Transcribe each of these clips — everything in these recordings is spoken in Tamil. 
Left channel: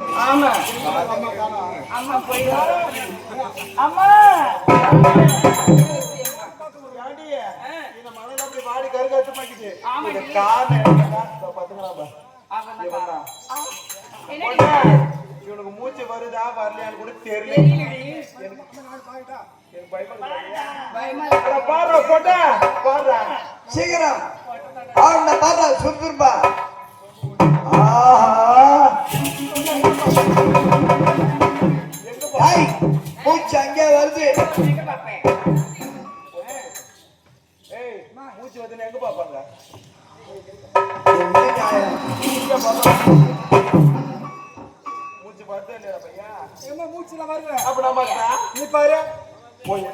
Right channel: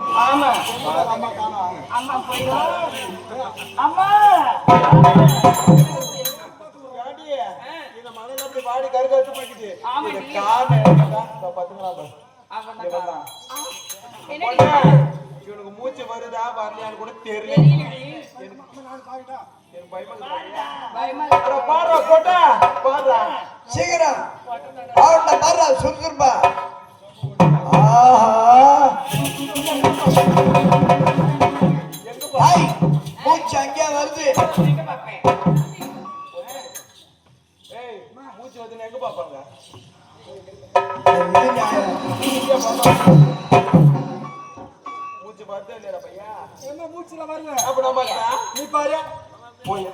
ஆமா அம்மா போய் அம்மா இந்த மணல அப்படி வாடி கருக வச்சு பாக்குது இவனுக்கு மூச்சு வருதா வரலையான்னு கூட தெரியல. பாரு போட்டா பாரு சீக்கிரம் பாரு சுருப்பா மூச்சு அங்கே வருது. மூச்சு வந்து எங்க பாப்பாங்க மூச்சு பார்த்தா இல்லையா பையா ஏமா மூச்சுல வருது அப்ப நம்ம நீ பாரு போய்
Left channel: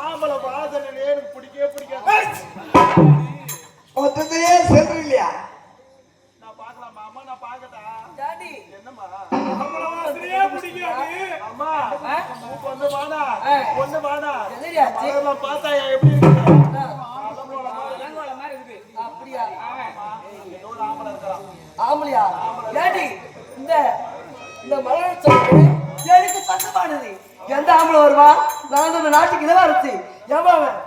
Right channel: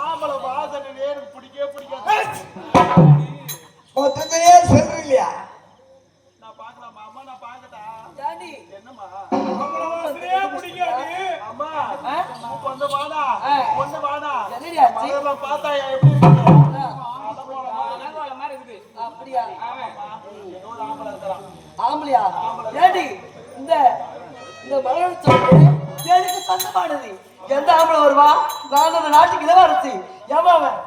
ஆம்பளை வாசனை நேரம் பிடிக்கவே பிடிக்காது. மொத்தத்தையே செல்ற இல்லையா நான் பாக்கலாமா அம்மா நான் பாக்கட்டா டாடி என்னம்மா நம்மள வாசனையே பிடிக்காது அம்மா ஒண்ணு வாடா என்னடி ஆச்சு நான் பார்த்தா எப்படி இருக்கு மாதிரி இருக்கு அப்படியா ஒரு ஆம்பளை இருக்கான் ஆம்பளையா டாடி இந்த இந்த மலர் சொல்றது எனக்கு சொந்தமானது எந்த ஆம்பளை வருவா நான் இந்த நாட்டுக்கு இளவரசி ஏமாவன்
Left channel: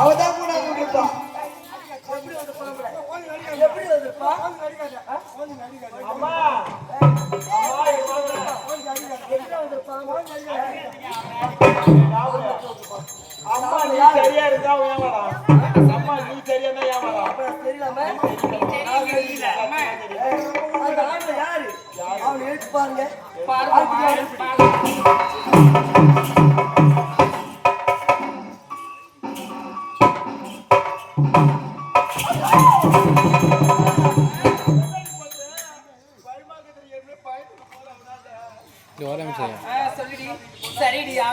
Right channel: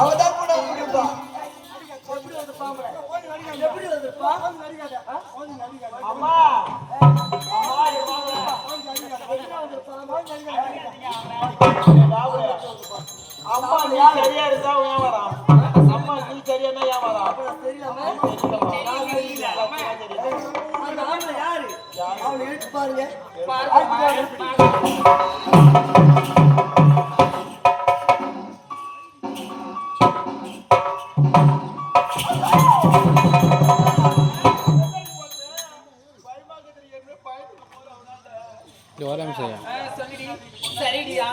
அவதான் கூட வந்துருப்பா எப்படி வந்திருப்பா அம்மா அம்மா நீ சரியா இருந்தா ஏமாறான். அம்மா நீ சரியா இருந்தா ஏமாறான். தெரியலாம அந்த ஆண்ல யாரு அவனை எழுத்து பாருங்க சொல்லிடி சரிடியா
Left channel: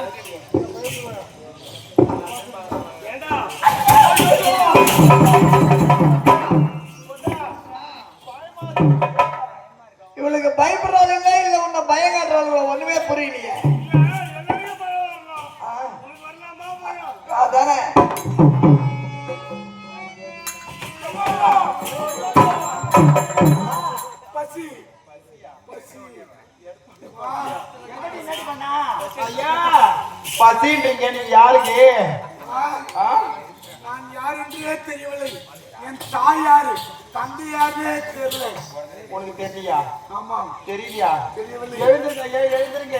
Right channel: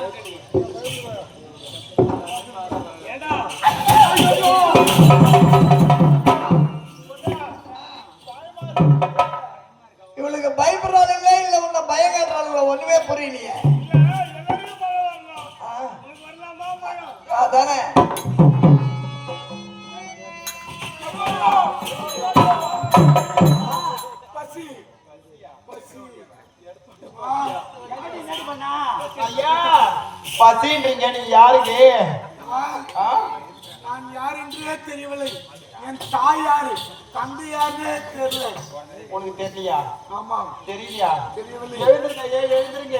இவளுக்கு பயப்படுறாங்க இல்ல உன்ன பயம் காட்டுறாங்க ஒண்ணுமே புரியலையே அதானே ஐயா பசின்றீங்க நீ யாருக்கு நான் யார் என்றே தெரியவில்லை என் தாய் யாரு தந்தை யாருன்னே தெரியல உனக்கு தெரியலையா ஆமா தெரியலையா தெரியவில்லை எழுந்துருங்க ஏன் எழுந்துருங்க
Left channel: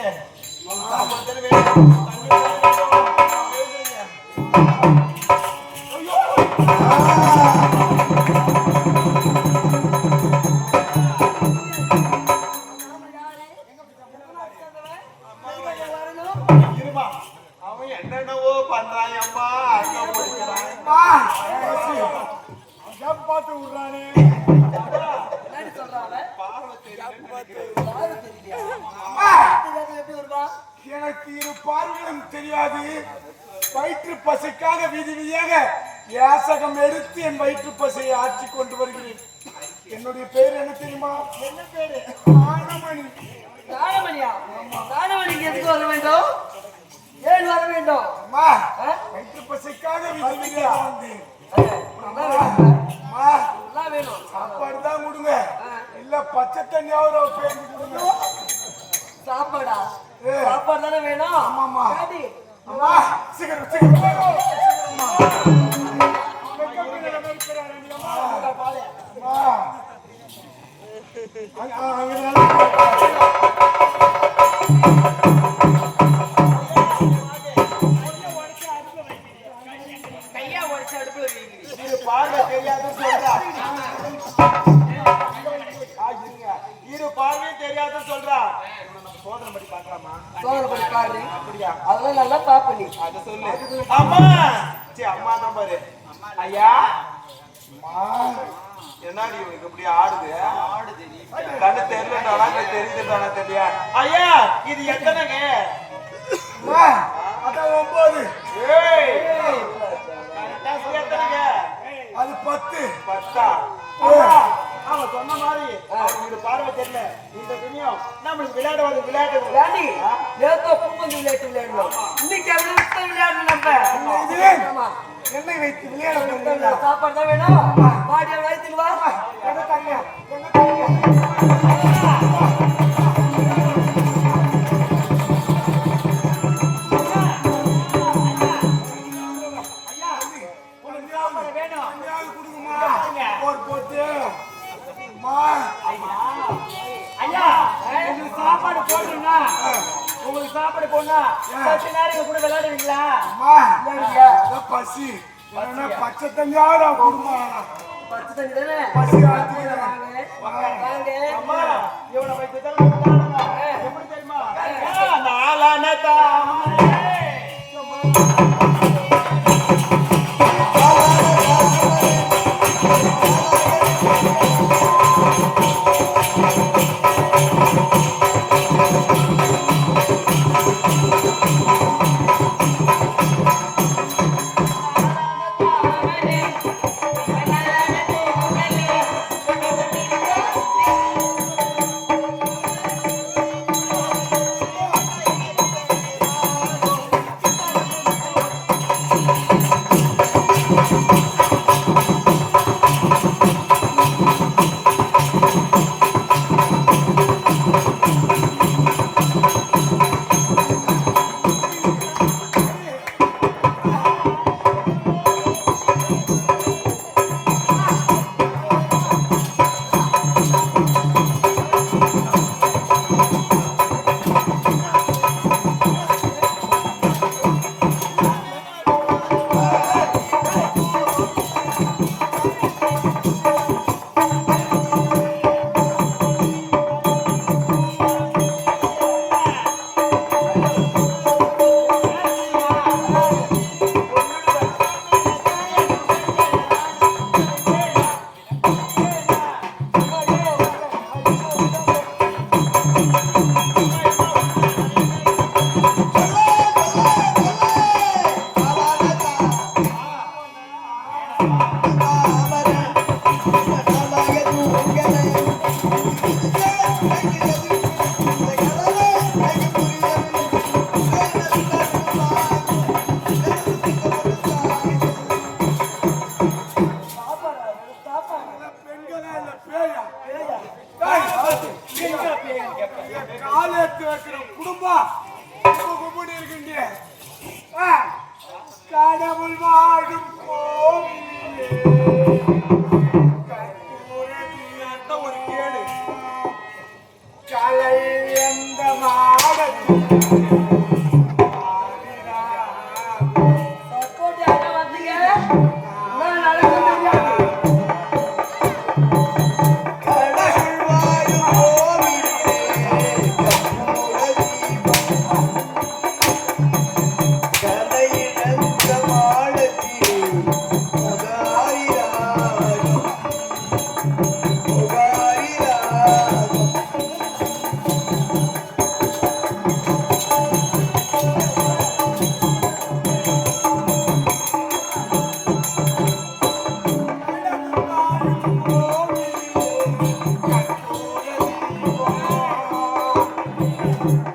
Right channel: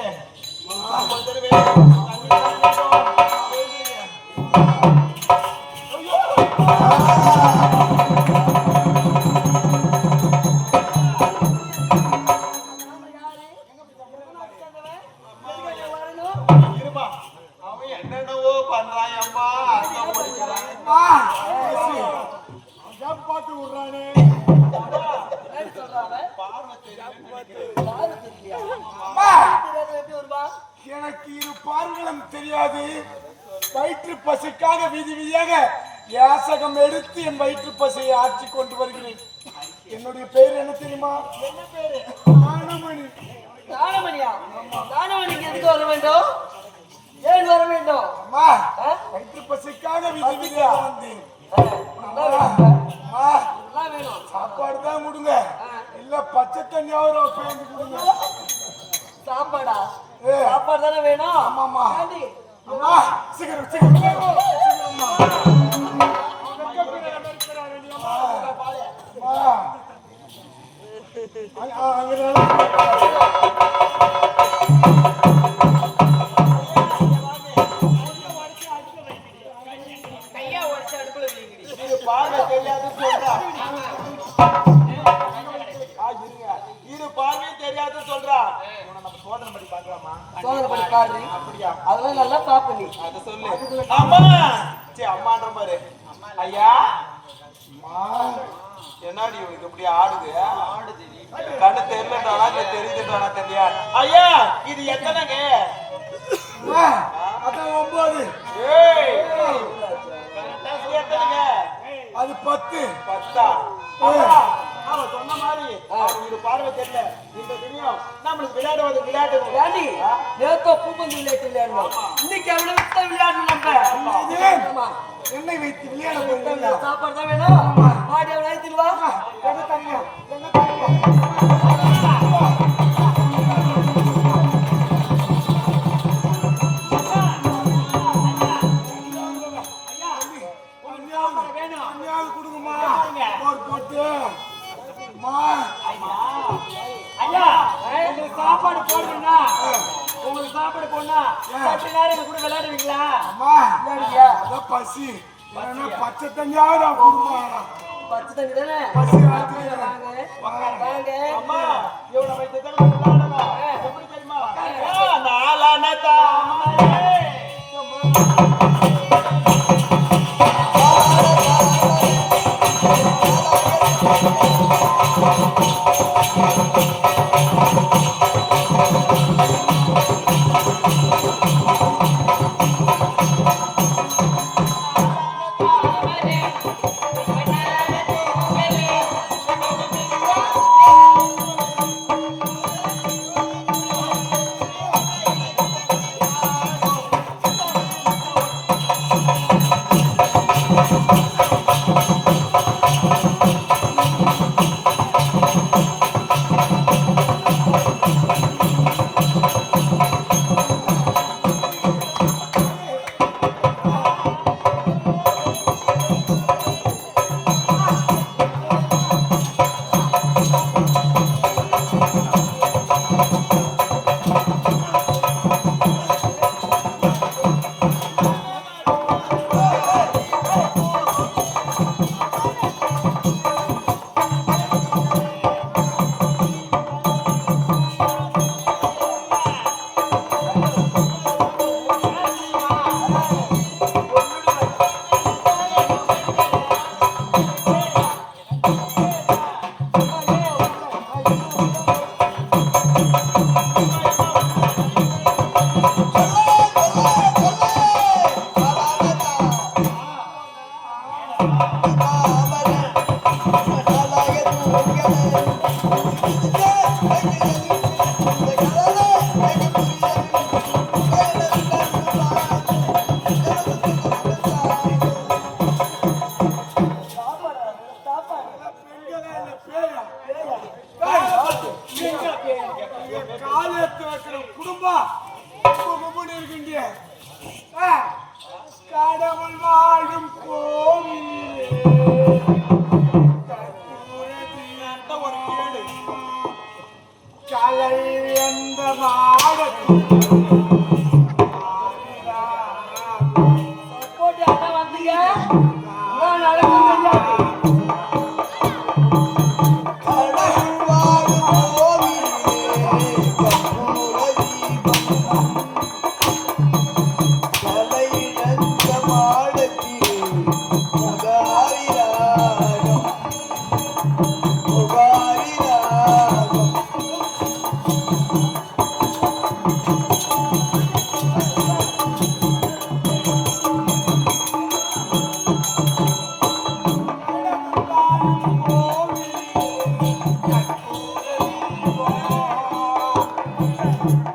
அவன் என்னென்னவோ பண்றாயம்மா பாட்டு விடுறானே எனக்கு இரு பார்வைகளும் தெரியாது வயிற்று பசிக்காக வீதி வீதியாக யாசகம் எடுத்து என் வயிற்று பசியை ஆட்சி கொண்டு வருகிறேன். என்னுடைய பேர் என்ன தெரியுமா? என்ன பேரு ஞானமணி. ஞானமணியா ஞானமணிக்கு எதுக்கு வர வேண்டும் ஏன் வர வேண்டும் அம்மா வயிற்று பசிக்காக வீதி வீதியாக வந்தேன். வேணும் சாப்பாடு தான் கொடுங்க இல்ல பச்சை தண்ணியாவது பேருந்து கொடுங்க. சாப்பாடா சாப்பாடு தானே வேணும் ஆமாமா டாடி அம்மா சீக்கிரம் சீக்கிரம் கையா உடச்சு அடுப்பு இது பார்வை தெரியாது சொல்றா இரு பார்வை தெரியாது சொல்றா சோதனை படி பாக்கலாமா சோதனை பாரு அப்படியா அதெல்லாம் நல்லா பாப்ப நீ அது சொல்லு அம்மா சே அம்மா நம்பரு ஐயா என்னடி இவனுக்கு இப்படி ஆடுது கண்ணு தெரியலடா தெரியுதுடா தெரியல ஐயா இது எத்தனைங்க அதான் 9. ஏய் கரெக்டா சொல்லி எத்தனைங்க அது 10. பத்தா ஆமா சொன்ன மாதிரி இது பார்வை தெரியல இந்த துணியும் நம்மளுக்கு விளையாடுவது விளையாட்டு ஏண்டி நேத்தோ பூப்பந்து விளையாட்டு விளையாடணும் இன்னைக்கு அவளை விட்ட விளையாடணும் நம்ம. ஆமா. என்னை வைத்து விளையாட சாப்பாடு தான் வேணும். பாடி அவளை அழைத்துட்டு வா. எங்க தரீங்க? சாப்பாடு போடணும்னா உங்களுக்கு சாப்பாடு போடணும்னா கொஞ்ச நேரம் கூட விளையாடுவீங்களா? பசி பச்சை தண்ணியாட குடுமா பத்து தண்ணி தானே பசி வாங்க. இவனை வைத்து எப்படி தெரியுமா? காலத்து வைக்கிற குடும்பம் இருக்கின்ற கடவுள் வாழும் கோவிலே ஒரு கேடு கலை எந்த சப்போர்ட் யாரா வந்தீங்க?